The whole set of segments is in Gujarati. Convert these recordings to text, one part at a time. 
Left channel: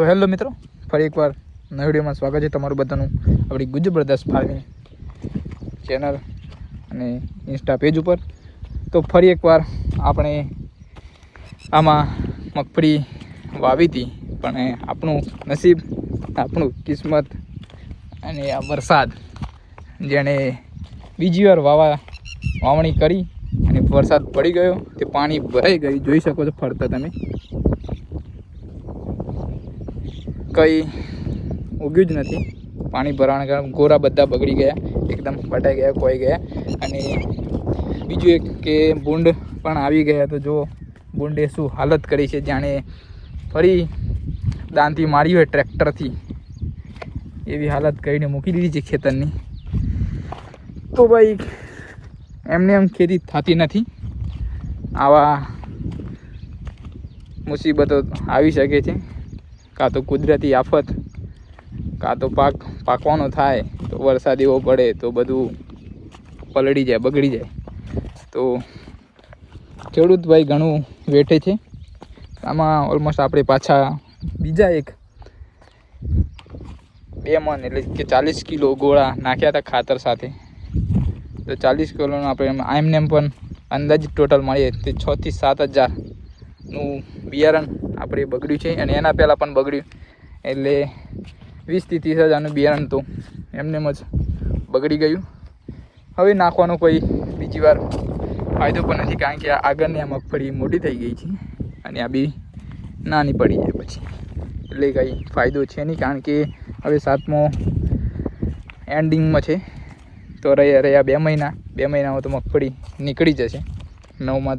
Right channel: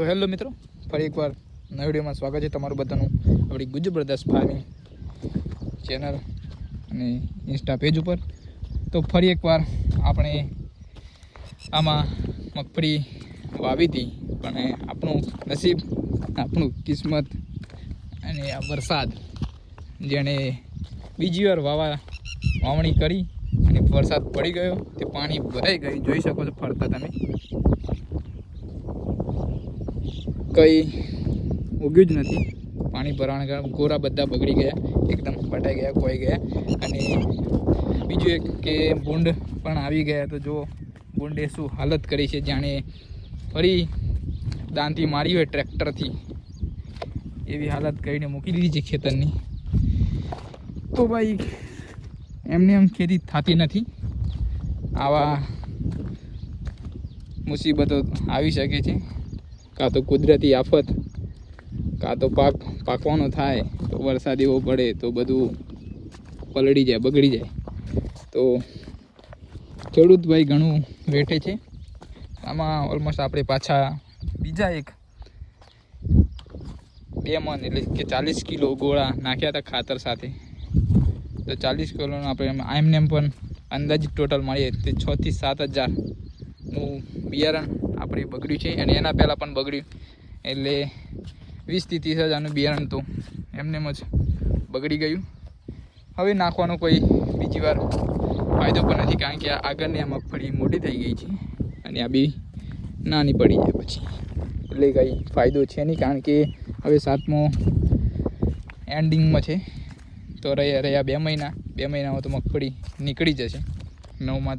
તો હેલો મિત્રો, ફરી એકવાર નવા વિડીયોમાં સ્વાગત છે તમારું બધાનું આપણી ગુજર બ્રદર્સ ફાર્મિંગ ચેનલ અને ઇન્સ્ટા પેજ ઉપર. તો ફરી એકવાર આપણે આમાં મગફળી વાવી હતી, પણ આપણું નસીબ, આપણું કિસ્મત અને આ વરસાદ જેણે બીજી વાર વાવા, વાવણી કરી અને વરસાદ પડી ગયો, તે પાણી ભરાઈ ગયું. જોઈ શકો છો ફરતા તમે. કંઈ ઉગ્યું જ નથી. પાણી ભરાણ ગોરા બધા બગડી ગયા, એકદમ પટાઈ ગયા કોઈ ગયા. અને બીજું એક કે ભૂંડ પણ આવી ગયા. તો જો, ભૂંડે શું હાલત કરી છે? જાણે ફરી દાંતી મારી હોય ટ્રેક્ટરથી. એવી હાલત કરીને મૂકી દીધી છે ખેતરની. તો ભાઈ, એમને એમ ખેતી થતી નથી. આવા મુસીબતો આવી શકે છે. કાં તો કુદરતી આફત, કાં તો પાક પાકવાનો થાય, તો વરસાદ એવો પડે તો બધું પલળી જાય, બગડી જાય. તો ખેડૂત ભાઈ ઘણું વેઠે છે. આમાં ઓલમોસ્ટ આપણે પાછા બીજા એક બે મણ એટલે કે ચાલીસ કિલો ગોળા નાખ્યા હતા ખાતર સાથે. તો ચાલીસ કિલોનું આપણે એમને એમ પણ અંદાજ ટોટલ મળીએ, તે છથી સાત હજારનું બિયારણ આપણે બગડ્યું છે. અને એના પહેલાં પણ બગડ્યું. એટલે વીસથી ત્રીસ હજારનું બિયારણ તો એમને જ બગડી ગયું. હવે નાખવાનો કોઈ બીજી વાર ફાયદો પણ નથી, કારણ કે આગળની આ મગફળી મોટી થઈ ગઈ છે અને આ બી નાની પડી જાય પછી. એટલે કંઈ ફાયદો છે નહીં, કારણ કે હવે સાતમો એન્ડિંગમાં છે. તો રહ્યા રહ્યા બે મહિના, બે મહિનામાં તો મગફળી નીકળી જશે. નવમાં,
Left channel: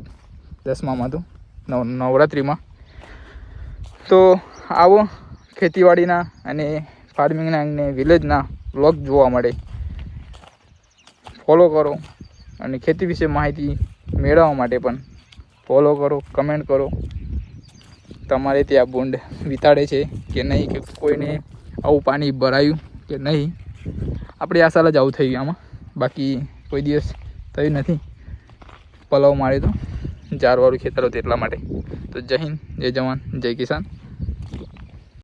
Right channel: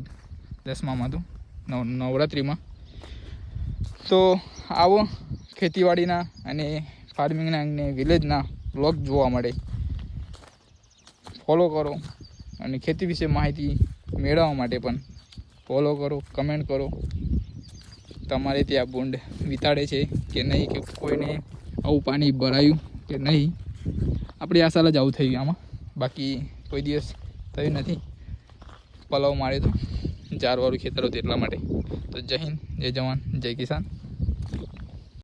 દસમામાં તો, નવ, નવરાત્રિમાં. તો આવો ખેતીવાડીના અને ફાર્મિંગના અને વિલેજના બ્લોગ જોવા મળે ફોલો કરો અને ખેતી વિશે માહિતી મેળવવા માટે પણ ફોલો કરો કમેન્ટ કરો. તમારે ત્યાં બોન્ડ વિતાડે છે કે નહીં, કે કોઈને આવું પાણી ભરાયું કે નહીં, આપણી આ જ આવું થયું આમાં. બાકી કોઈ દિવસ થયું નથી. પલાવ મારે તો. જારવાળું ખેતર હતું એટલા માટે. તો જય હિન્દ, જય જવાન, જય કિસાન.